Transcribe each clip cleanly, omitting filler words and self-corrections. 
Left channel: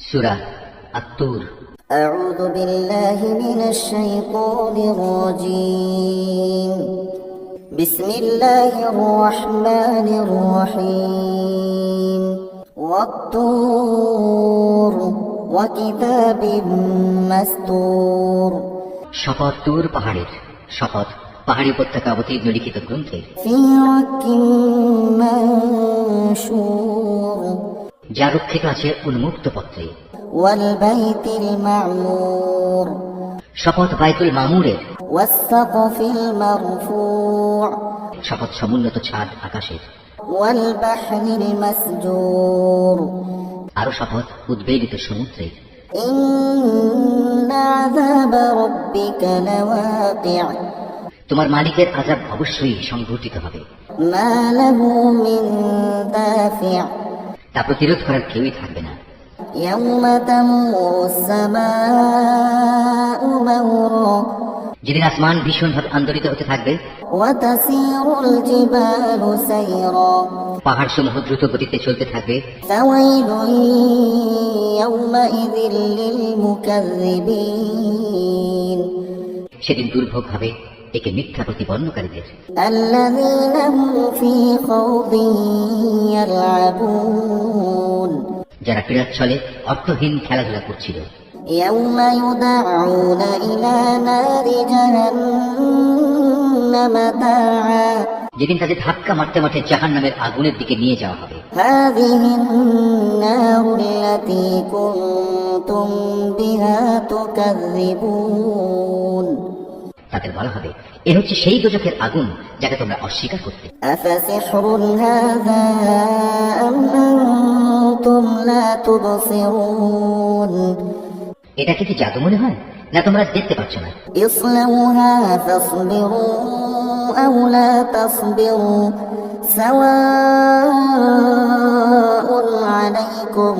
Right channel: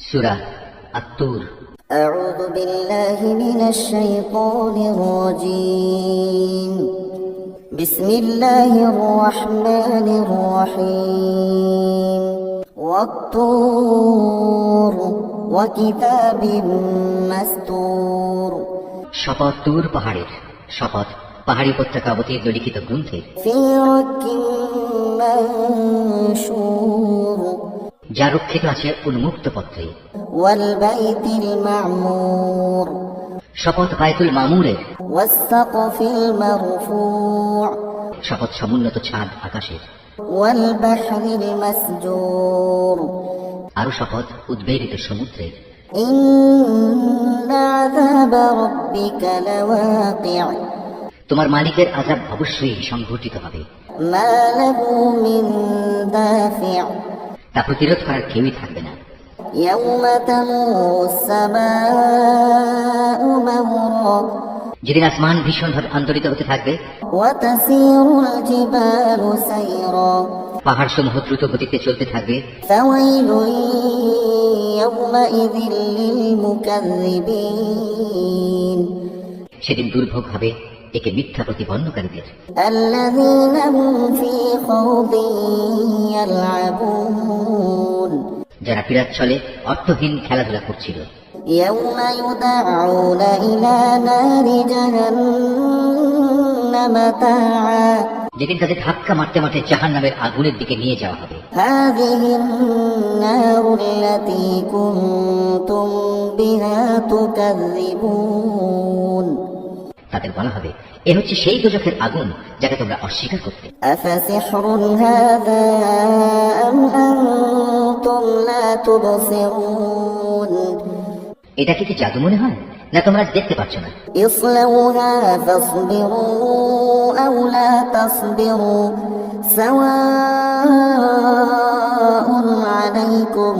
সূরা আত-তুর। أعوذ بالله من الشيطان الرجيم بسم الله الرحمن الرحيم والطور وكتاب مسطور শপথ তুর পাহাড়ের, শপথ পাহাড়ি উপত্যকা অবতীর্ণ লিখিত গ্রন্থের, في رك منشور যা রক্ষিত আছে উন্মুক্ত পত্রে। والبيت المعمور শপথ বাইতুল মামুরের, والسقف المرفوع শপথ সমুন্নত ছাদ আকাশের, والبحر المسجور আরো শপথ উদ্বেলিত সমুদ্রের। إن عذاب ربك لواقع তোমার মালিকের আযাব অবশ্যই সংঘটিত হবে, ما له من دافع তা প্রতিরোধ করার কেউই থাকবে না। يوم تمور السماء مورا যেদিন আসমান ভীষণভাবে আন্দোলিত হতে থাকবে, وتسير الجبال سيرا পাহাড় সমূহ দ্রুত গতিতে চলতে থাকবে। فويل يومئذ للمكذبين সেদিন দুর্ভোগ হবে একে মিথ্যা প্রতিপন্নকারীদের, الذين هم في خوض يلعبون যারা ক্রীড়ার ছলে অর্থহীন খেলাধুলা করছিল। يوم يدعون إلى نار جهنم دعا যেদিন তাদের ধাক্কা মারতে মারতে জাহান্নামের আগুনের দিকে নিয়ে যাওয়া হবে। هذه النار التي كنتم بها تكذبون তাদের বলা হবে, এ হচ্ছে সেই দোজখের আগুন যাকে তোমরা অস্বীকার করতে। أفسحر هذا أم أنتم لا تبصرون এটাকে কি জাদু মনে হয়, না তোমরা দেখতে পাচ্ছ না? اصلوها فاصبروا أو لا تصبروا سواء عليكم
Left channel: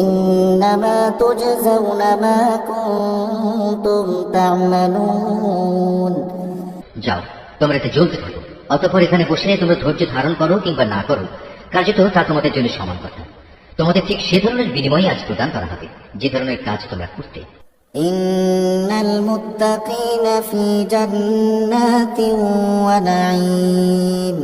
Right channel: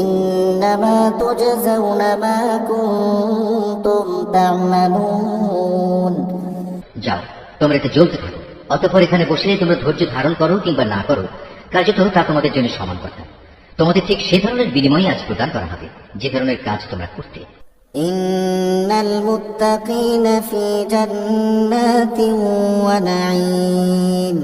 إنما تجزون ما كنتم تعملون যাও, তোমরা এতে জ্বলতে থাকো, অতঃপর এখানে বসে তোমরা ধৈর্য ধারণ করো কিংবা না করো, কার্যত তা তোমাদের জন্য সমান কথা। তোমাদের ঠিক সে ধরনের বিনিময় আজ প্রদান করা হবে যে ধরনের কাজ তোমরা করতে। إن المتقين في جنات ونعيم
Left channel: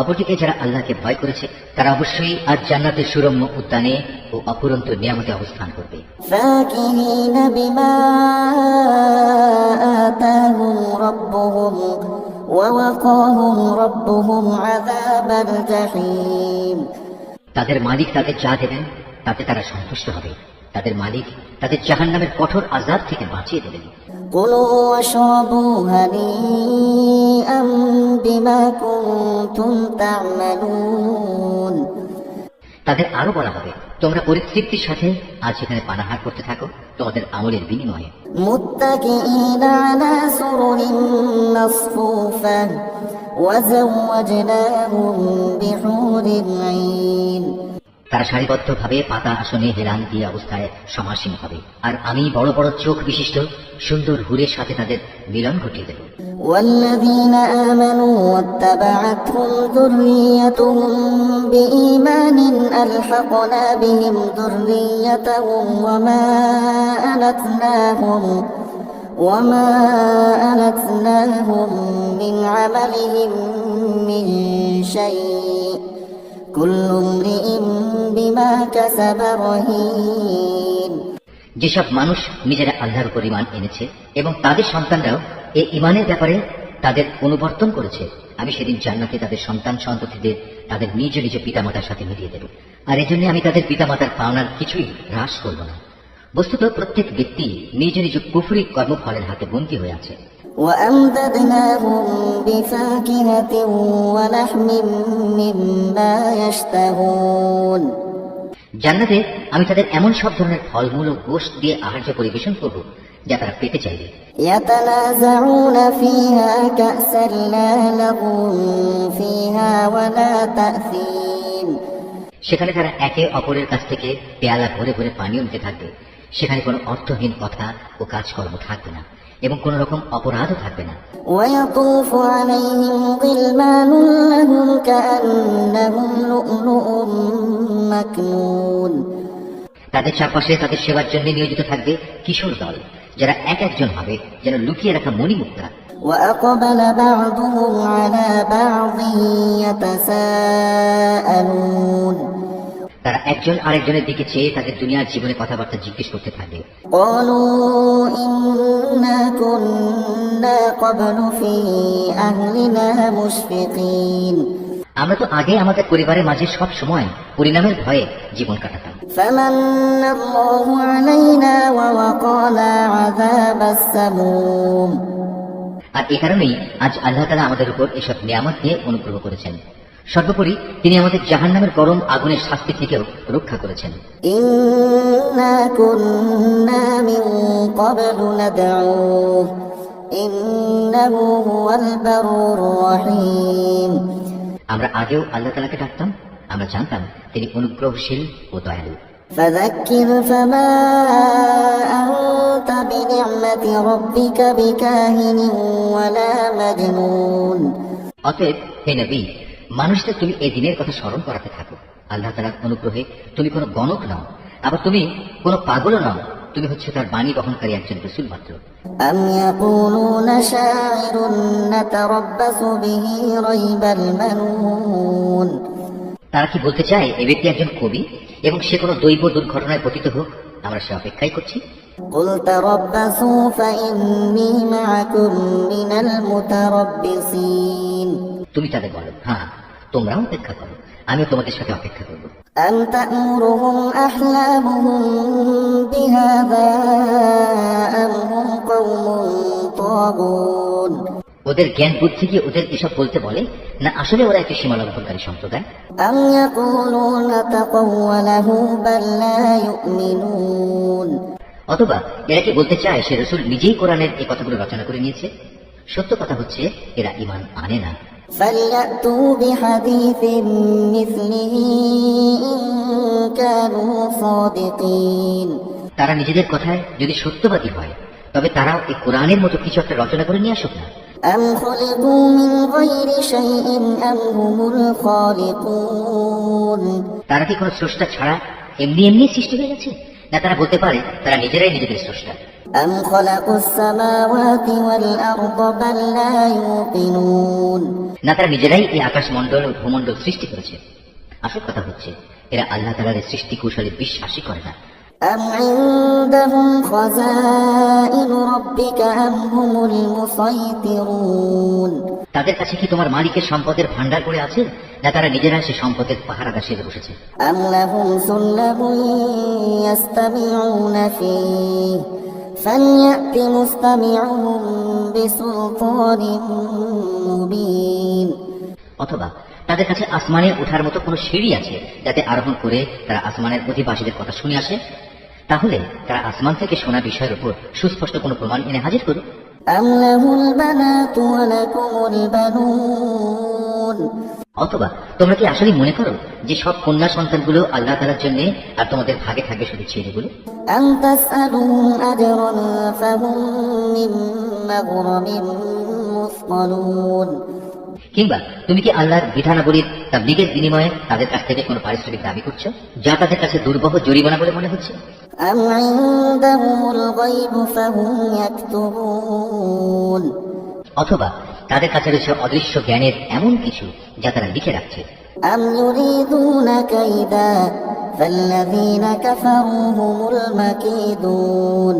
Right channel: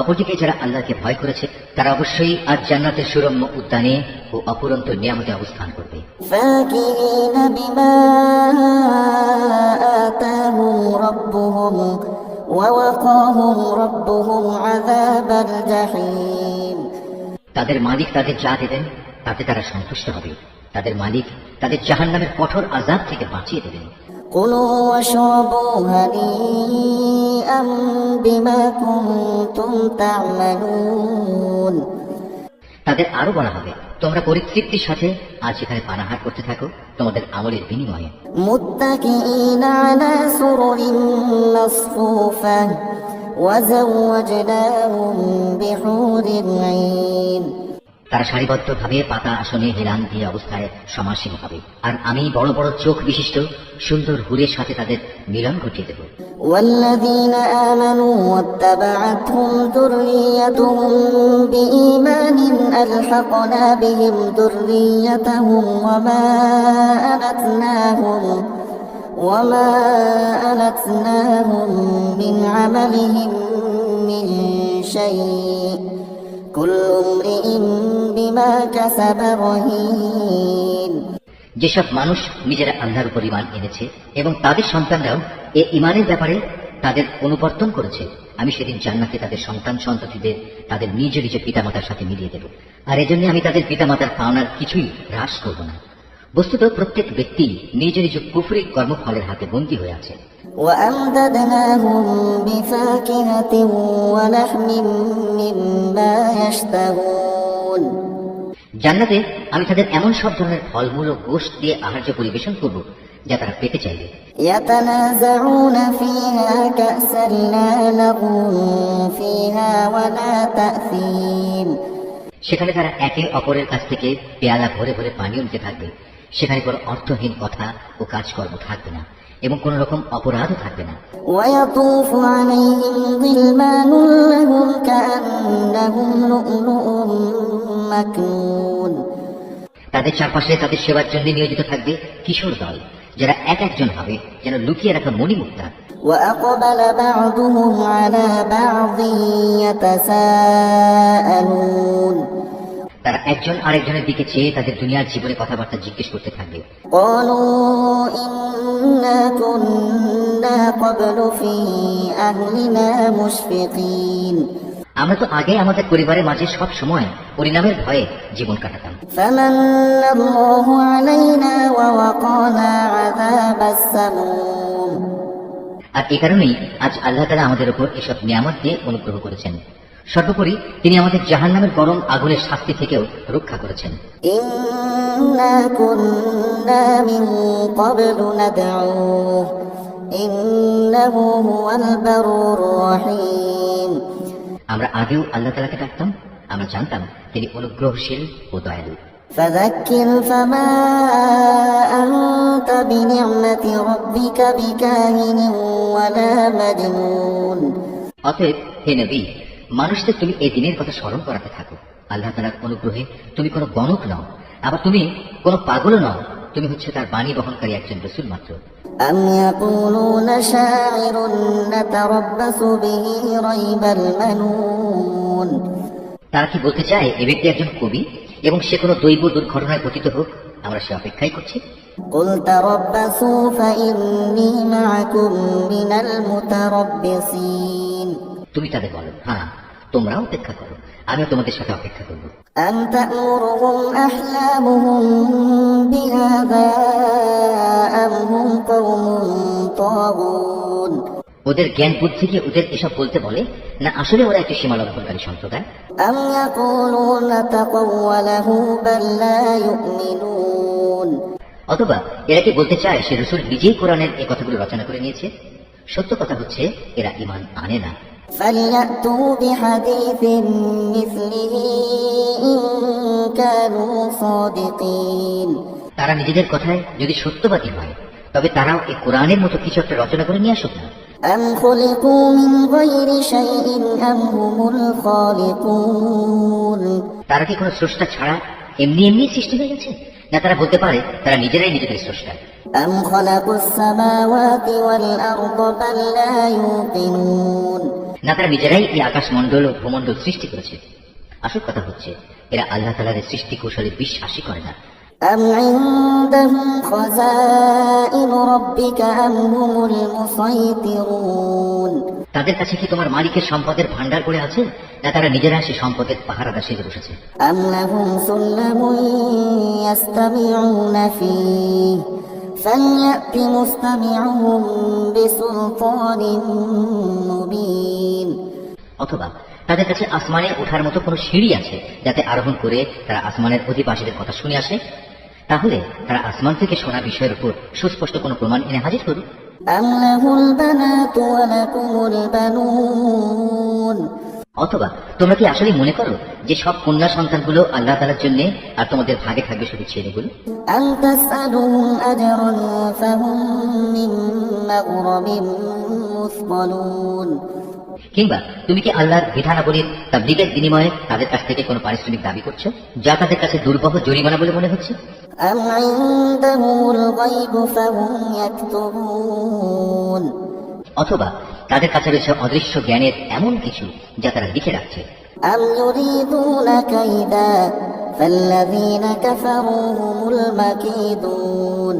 অপরদিকে যারা আল্লাহকে ভয় করেছে তারা অবশ্যই আজ জান্নাতের সুরম্য উদ্যানে ও অপরন্ত নিয়ামতে অবস্থান করবে। فاكهين بما آتاهم ربهم ووقاهم ربهم عذاب الجحيم তাদের মালিক তাদের যা দেবেন তাতে তারা সন্তুষ্ট হবে, তাদের মালিক তাদের জাহান্নামের কঠোর আযাব থেকে বাঁচিয়ে দেবেন। كلوا واشربوا هنيئا بما كنتم تعملون তাদের আরো বলা হবে, তোমরা পরিতৃপ্তির সাথে আজ এখানে পানাহার করতে থাকো তোমাদের আমলের বিনিময়ে। متكئين على سرر مصفوفة وزوجناهم بحور عين তারা সারিবদ্ধভাবে পাতা আসনে হেলান দিয়ে অবস্থায় সমাসীন হবে, আর আমি বড় বড় চোখ বিশিষ্ট সুন্দর হুরের সাথে তাদের মিলন ঘটিয়ে দেব। والذين آمنوا واتبعتهم ذريتهم بإيمان ألحقنا بهم ذريتهم وما ألتناهم من عملهم من شيء كل امرئ بما كسب رهين যেসব মানুষ নিজেরা আল্লাহর উপর ঈমান এনেছে এবং তাদের সন্তানরাও এই ঈমানের ব্যাপারে তাদের অনুবর্তন করেছে, আমি সেদিন জান্নাতে তাদের সন্তান সন্ততিদের তাদের নিজ নিজ পিতামাতার সাথে মিলিয়ে দেব, আর এজন্য আমি তাদের পিতামাতার পাওনার কিছুই হ্রাস করব না। বস্তুত প্রত্যেক ব্যক্তি নিজ নিজ কুফরি কর্মফলের হাতে বন্দী হয়ে আছে। وأمددناهم بفاكهة ولحم مما يشتهون জান্নাতে আমি তাদের এমন সব ধরনের ফলমূল ও গোশত দিয়ে আহার্য পরিবেশন করব যা তারা পেতে চাইবে। يتنازعون فيها كأسا لا لغو فيها ولا تأثيم সেখানে তারা একে অপরের কাছ থেকে পেয়ালা ভরে ভরে পানীয় নিতে থাকবে, সেখানে কোনো অর্থহীন কথা ও কাজকর্ম থাকবে না এবং কোন রকম অপরাধও থাকবে না। ويطوف عليهم غلمان لهم كأنهم لؤلؤ مكنون তাদের চারপাশে তাদের সেবার জন্য নিয়োজিত থাকবে কিশোর দল, যারা এক একজন হবে যেন লুকিয়ে রাখা মণিমুক্তা। وأقبل بعضهم على بعض يتساءلون তারা একজন আরেকজনের দিকে চেয়ে তাদের দুনিয়ার জীবনে কথাবার্তা জিজ্ঞেস করতে থাকবে। قالوا إنا كنا قبل في أهلنا مشفقين আমরা তো আগে আমাদের পরিবারের মাঝে সব সময় পরিণামের ভয়ে জীবন কাটাতাম। فمن الله علينا ووقانا عذاب السموم আর এই কারণেই আজ আল্লাহ তাআলা আমাদের উপর এসব নিয়ামত দিয়ে অনুগ্রহ করেছেন। সর্বোপরি তিনি আমাদের জাহান্নামের গরম আগুনের শাস্তি থেকেও রক্ষা করেছেন। إنا كنا من قبل ندعوه إنه هو البر الرحيم আমরা আগেও আল্লাহ তাআলাকে ডাকতাম, আমরা জানতাম তিনি অনুগ্রহশীল ও দয়ালু। فذكر فما أنت بنعمة ربك بكاهن ولا مجنون অতএব হে নবী, মানুষদের তুমি এই দিনের কথা স্মরণ করাতে থাকো। আল্লাহ তাআলার অনুগ্রহে তুমি কোনো গণক নও, আবার তুমি কোনো পাগলও নও, তুমি হচ্ছে তার বাণী বহনকারী একজন রাসূল মাত্র। أم يقولون شاعر نتربص به ريب المنون তারা কি বলতে চায় এ ব্যক্তি একজন কবি এবং সে কোনো দৈব দুর্ঘটনায় পতিত হোক, আমরা সে অপেক্ষাই করছি। قل تربصوا فإني معكم من المتربصين তুমি তাদের বলো, হ্যাঁ তোমরাও অপেক্ষা করো, আমিও তোমাদের সাথে অপেক্ষা করব। أم تأمرهم أحلامهم بهذا أم هم قوم طاغون ওদের জ্ঞান বুদ্ধি কি ওদের এসব বলতে বলে, না আসলে ওরা একটা সীমা লঙ্ঘনকারী সম্প্রদায়? أم يقولون تقوله بل لا يؤمنون অথবা এরা কি বলতে চায় সে রাসূল নিজেই কোরআনের এই কথাগুলো রচনা করে নিয়েছে? সত্য কথা হচ্ছে এরা ঈমান আনে না। فليأتوا بحديث مثله إن كانوا صادقين তারা নিজেদের কথায় যদি সত্যবাদী হয় তবে তারাও এই কোরআনের মতো কিছু একটা রচনা করে নিয়ে আসুক না। أم خلقوا من غير شيء أم هم الخالقون তারা কি কোনো স্রষ্টা ছাড়া এমনি এমনি সৃষ্টি হয়ে গেছে, না তারা বলতে পারে তারা নিজেরাই নিজেদের স্রষ্টা? أم خلقوا السماوات والأرض بل لا يوقنون না তারা নিজেরাই এই আকাশমণ্ডল ও ভূমণ্ডল সৃষ্টি করেছে? আসল কথা হচ্ছে এরা আল্লাহ তাআলার সৃষ্টি কৌশলে বিশ্বাসই করে না। أم عندهم خزائن ربك أم هم المسيطرون তাদের কাছে কি তোমার মালিকের সম্পদের ভান্ডার করে আছে, না তারা নিজেরা সে সম্পদের পাহারাদার সেজে বসেছে? أم لهم سلم يستمعون فيه فليأت مستمعهم بسلطان مبين অথবা তাদের কাছে আসমানে ওঠার মতো কোনো সিঁড়ি আছে যাতে আরোহণ করে তারা আসমানের অধিবাসীদের কথা শুনে আসে? তাহলে তারা আসমান থেকে শোনা বিষয়ের উপর সুস্পষ্ট কোনো প্রমাণ এনে হাজির করো। أم له البنات ولكم البنون অথবা তোমরা কি আসলে মনে করো যে সব কন্যা সন্তানগুলো আল্লাহ তাআলার জন্য আর তোমাদের ভাগে থাকবে শুধু ছেলেগুলো? أم تسألهم أجرا فهم من مغرم مثقلون কিংবা তুমি কি আল্লাহর বিধানাবলীর তাবলীগের বিনিময়ে তাদের কাছ থেকে কোনো পারিশ্রমিক দাবি করছো, যা তাদের কাছে দুর্বহ জরিমানা বলে মনে হচ্ছে? أم عندهم الغيب فهم يكتبون অথবা তাদের কাছে রয়েছে অদৃশ্য জ্ঞানের এমন কিছু যা তারা লিখে রাখছে? أم يريدون كيدا فالذين كفروا هم المكيدون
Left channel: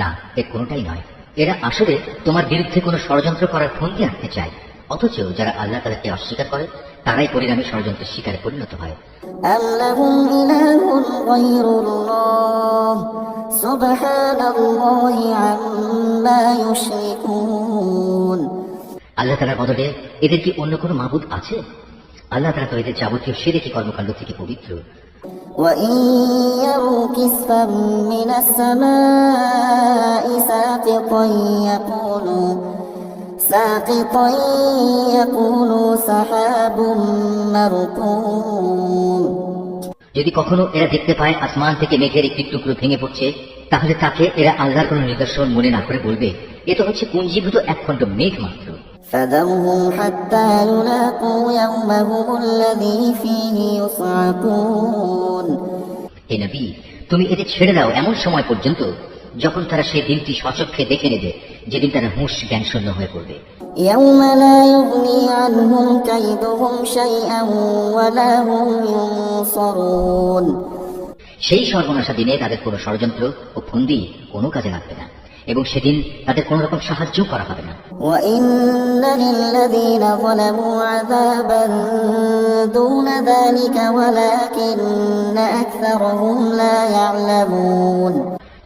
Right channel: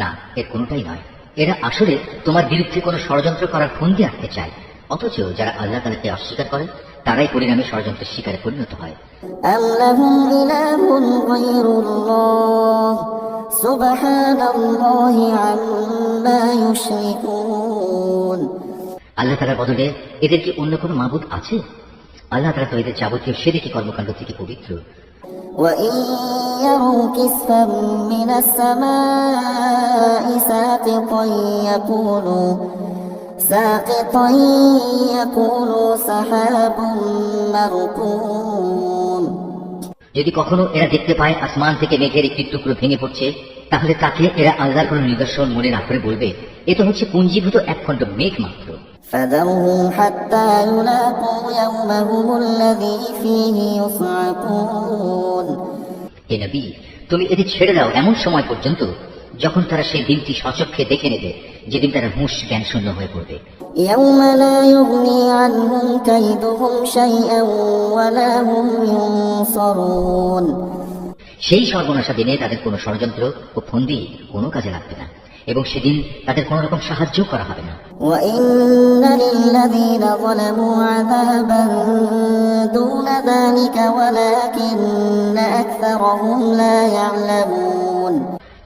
না, এর কোনোটাই নয়। এরা আসলে তোমার বিরুদ্ধে কোনো ষড়যন্ত্র করার ফন্দি আঁকতে চায়, অথচ যারা আল্লাহ তাআলাকে অস্বীকার করে তারাই পরিণামী ষড়যন্ত্রের শিকারে পরিণত হয়। أم لهم إله غير الله سبحان الله عما يشركون আল্লাহ তাআলার বদলে এদের কি অন্য কোনো মাবুদ আছে? আল্লাহ তাআলা তো এদের যাবতীয় শিরকি কর্মকাণ্ড থেকে পবিত্র। وإن يروا كسفا من السماء ساقطا يكونوا سحاب مركوم যদি কখনো এরা দেখতে পায় আসমান থেকে মেঘের একটি টুকরো ভেঙে পড়ছে, তাহলে তাকে এরা আল্লাহর কোনো নিদর্শন মনে না করে বলবে এ তো হচ্ছে পুঞ্জীভূত এক খণ্ড মেঘ মাত্র। فذرهم حتى يلاقوا يومهم الذي فيه يصعقون হে নবী, তুমি এদের ছেড়ে দাও এমন সময় পর্যন্ত যখন তারা সেই দিনটি স্বচক্ষে দেখে নেবে, যেদিন তারা হুঁশ জ্ঞান শূন্য হয়ে পড়বে। يوم لا يغني عنهم كيدهم شيئا ولا هم ينصرون সেই সর্বনাশা দিনে তাদের কোনো ষড়যন্ত্র ও ফন্দি কোনো কাজে লাগবে না, এবং সেদিন তাদের কোন রকম সাহায্য করা হবে না। وإن للذين ظلموا عذابا دون ذلك ولكن أكثرهم لا يعلمون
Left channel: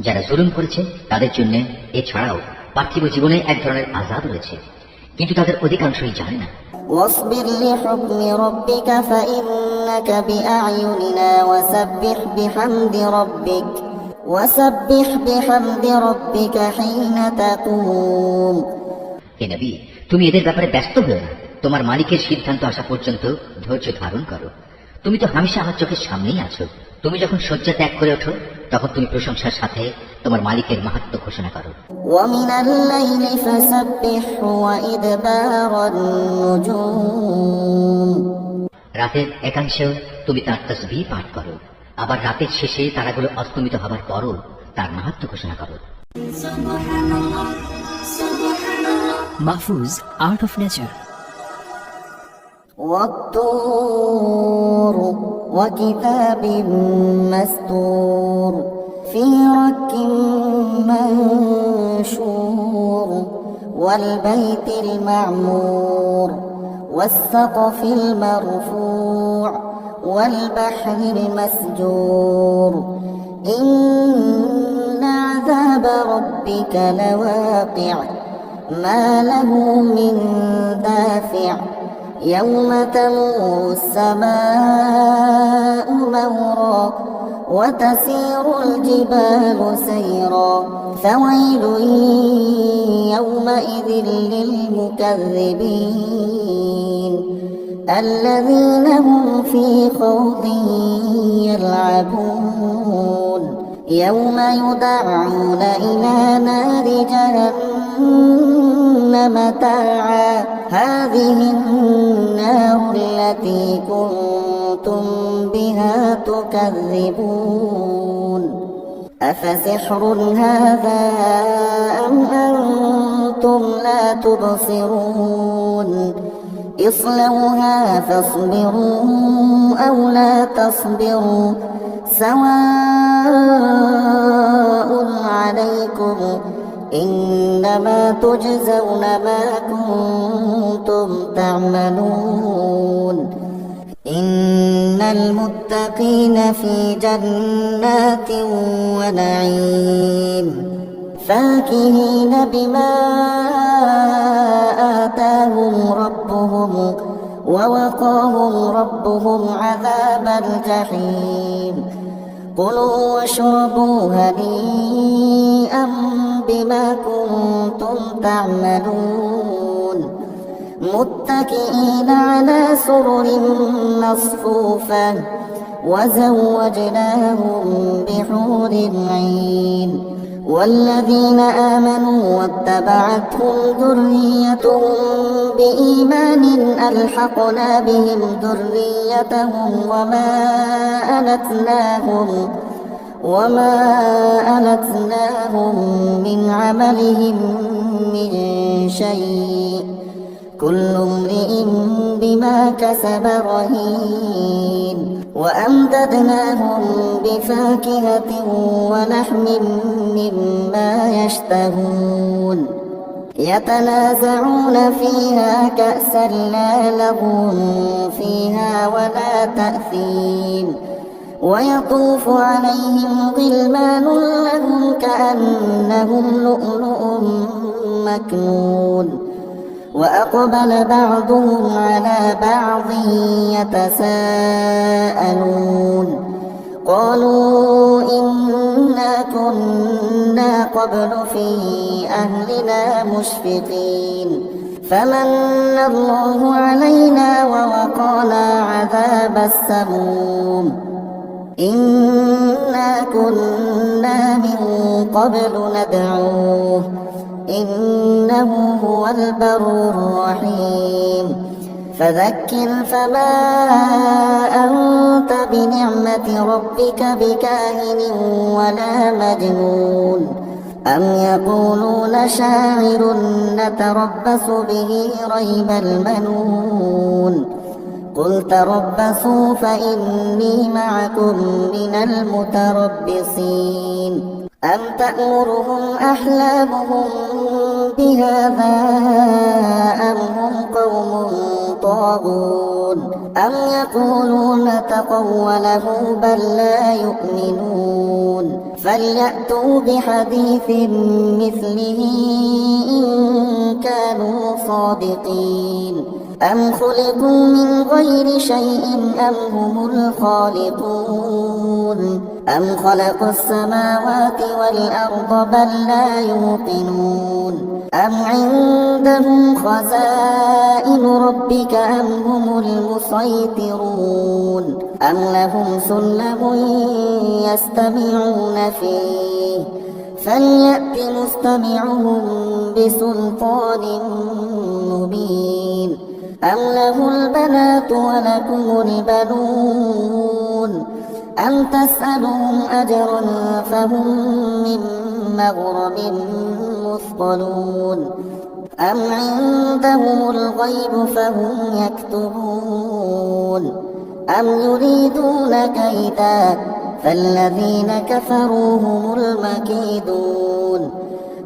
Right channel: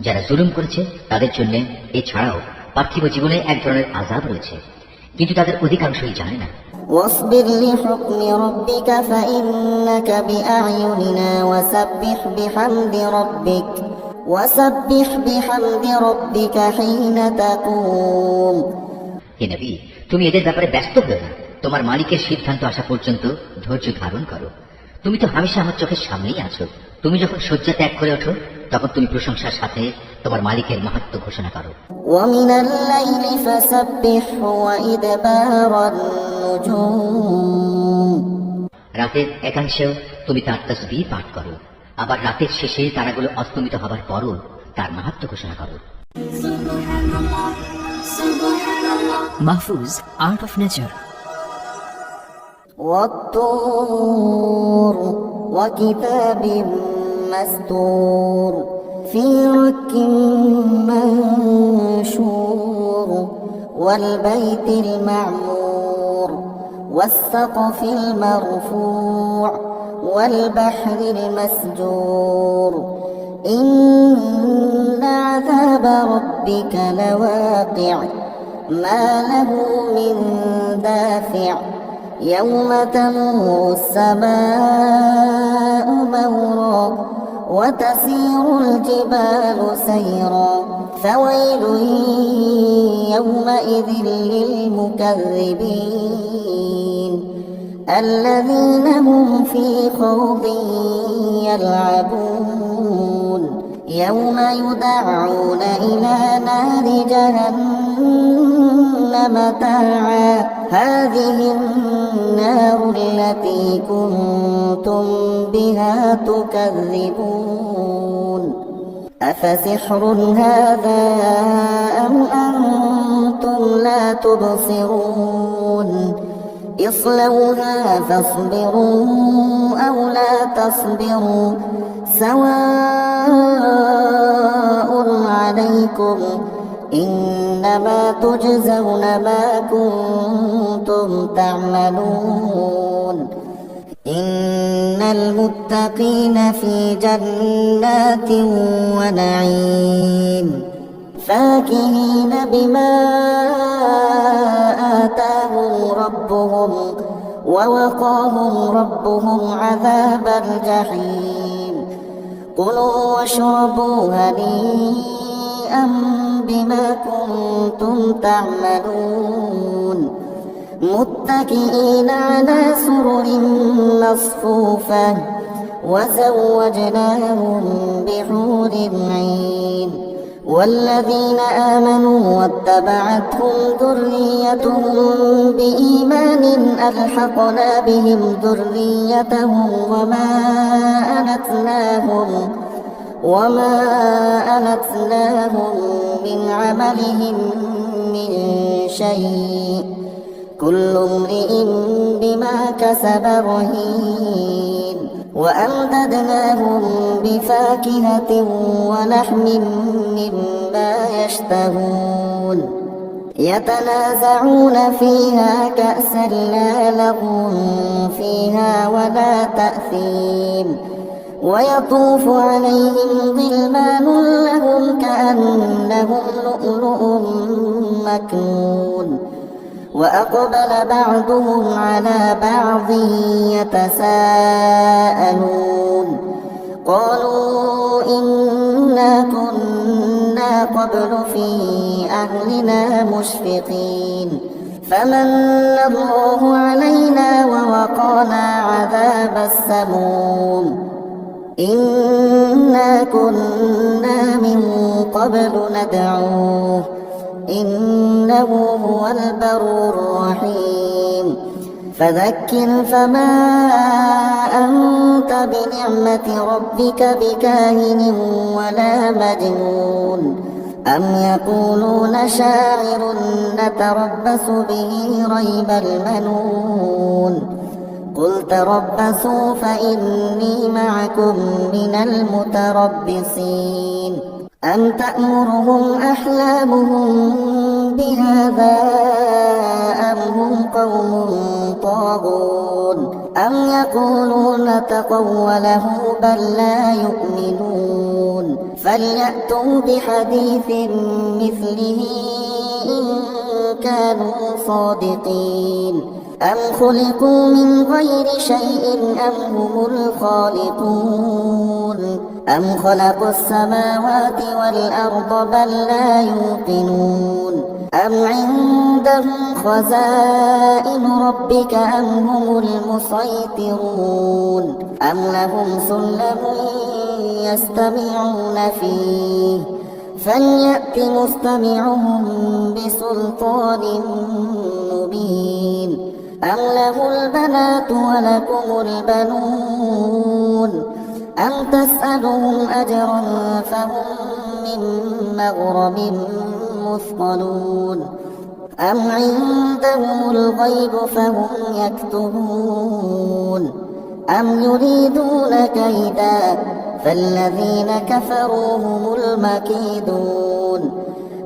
যারা জুলুম করেছে তাদের জন্য এছাড়াও পার্থিব জীবনে এক ধরনের আযাব রয়েছে, কিন্তু তাদের অধিকাংশই জানে না। واصبر لحكم ربك فإنك بأعيننا وسبح بحمد ربك حين تقوم হে নবী, তুমি এদের ব্যাপারে ব্যস্ত হও না, তোমার মালিকের সিদ্ধান্ত আসা পর্যন্ত ধৈর্য ধারণ করো। তুমি তো হামেশা আমার চোখের সামনেই আছো। তুমি যখন শয্যা ত্যাগ করে ওঠো তখন তুমি প্রশংসার সাথে তোমার মালিকের মাহাত্ম্য ঘোষণা করো। ومن الليل فسبحه وإدبار النجوم রাতের একাংশেও তুমি তার তাসবিহ পাঠ করো, আবার রাতের শেষে তারাগুলো অস্তমিত হবার পরও তার মাহাত্ম্য ঘোষণা করো। Mahfuz, Art of Nature. والطور وكتاب مسطور في رك منشور والبيت المعمور والسقف المرفوع والبحر المسجور إن عذاب ربك لواقع ما له من دافع يوم تمور السماء مورا وتسير الجبال سيرا فويل يومئذ للمكذبين الذين هم في خوض يلعبون يوم يدعون إلى نار جهنم دعا هذه النار التي كنتم بها تكذبون أفسحر هذا أم أنتم لا تبصرون اصلوها فاصبروا أو لا تصبروا سواء عليكم إنما تجزون ما كنتم تعملون إن المتقين في جنات ونعيم فاكهين بما آتاهم ربهم ووقاهم ربهم عذاب الجحيم كلوا واشربوا هنيئا بما كنتم تعملون متكئين على سرر مصفوفة وزوجناهم بحور عين والذين آمنوا واتبعتهم ذريتهم بإيمان ألحقنا بهم ذريتهم وما ألتناهم من عملهم من شيء كل امرئ بما كسب رهين وأمددناهم بفاكهة ولحم مما يشتهون يتنازعون فيها كأسا لا لغو فيها ولا تأثيم ويطوف عليهم غلمان لهم كأنهم لؤلؤ مكنون وأقبل بعضهم على بعض يتساءلون قالوا إنا كنا قبل في أهلنا مشفقين فمن الله علينا ووقانا عذاب السموم إنا كنا من قبل ندعوه إنه هو البر الرحيم فذكر فما أنت بنعمة ربك بكاهن ولا مجنون أم يقولون شاعر نتربص به ريب المنون قل تربصوا فإني معكم من المتربصين أم تأمرهم أحلامهم بهذا أم هم قوم طاغون أم يقولون تقوله بل لا يؤمنون فليأتوا بحديث مثله إن كانوا صادقين أم خلقوا من غير شيء أم هم الخالقون أم خلقوا السماوات والأرض بل لا يوقنون أم عندهم خزائن ربك أم هم المسيطرون أم لهم سلم يستمعون فيه فليأت مستمعهم بسلطان مبين أم له البنات ولكم البنون أم تسألهم أجرا فهم من مغرم مثقلون أم عندهم الغيب فهم يكتبون أم يريدون كيدا فالذين كفروا هم المكيدون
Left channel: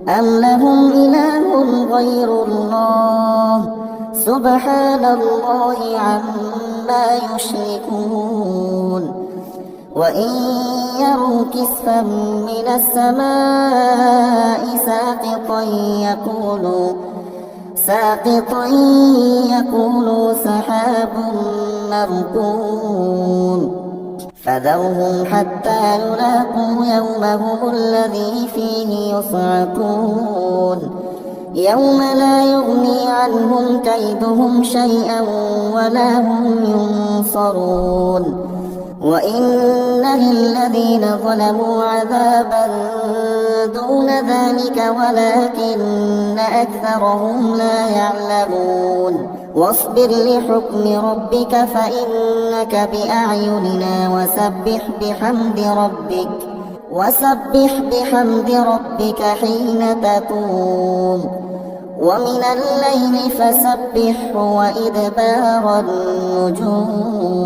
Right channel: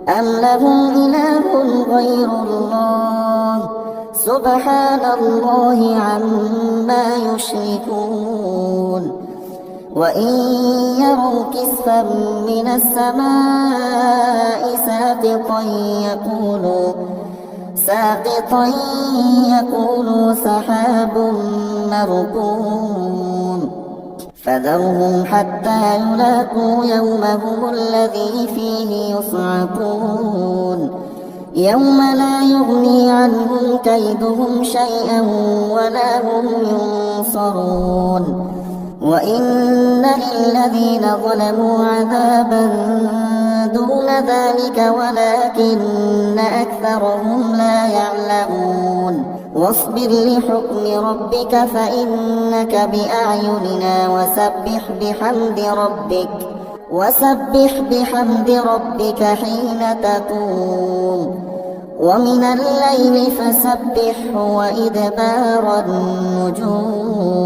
أم لهم إله غير الله سبحان الله عما يشركون وإن يروا كسفا من السماء ساقطا يقولوا سحاب مركوم فذرهم حتى يلاقوا يومهم الذي فيه يصعقون يوم لا يغني عنهم كيدهم شيئا ولا هم ينصرون وإن للذين ظلموا عذابا دون ذلك ولكن أكثرهم لا يعلمون واصبر لحكم ربك فإنك بأعيننا وسبح بحمد ربك حين تقوم ومن الليل فسبحه وإدبار النجوم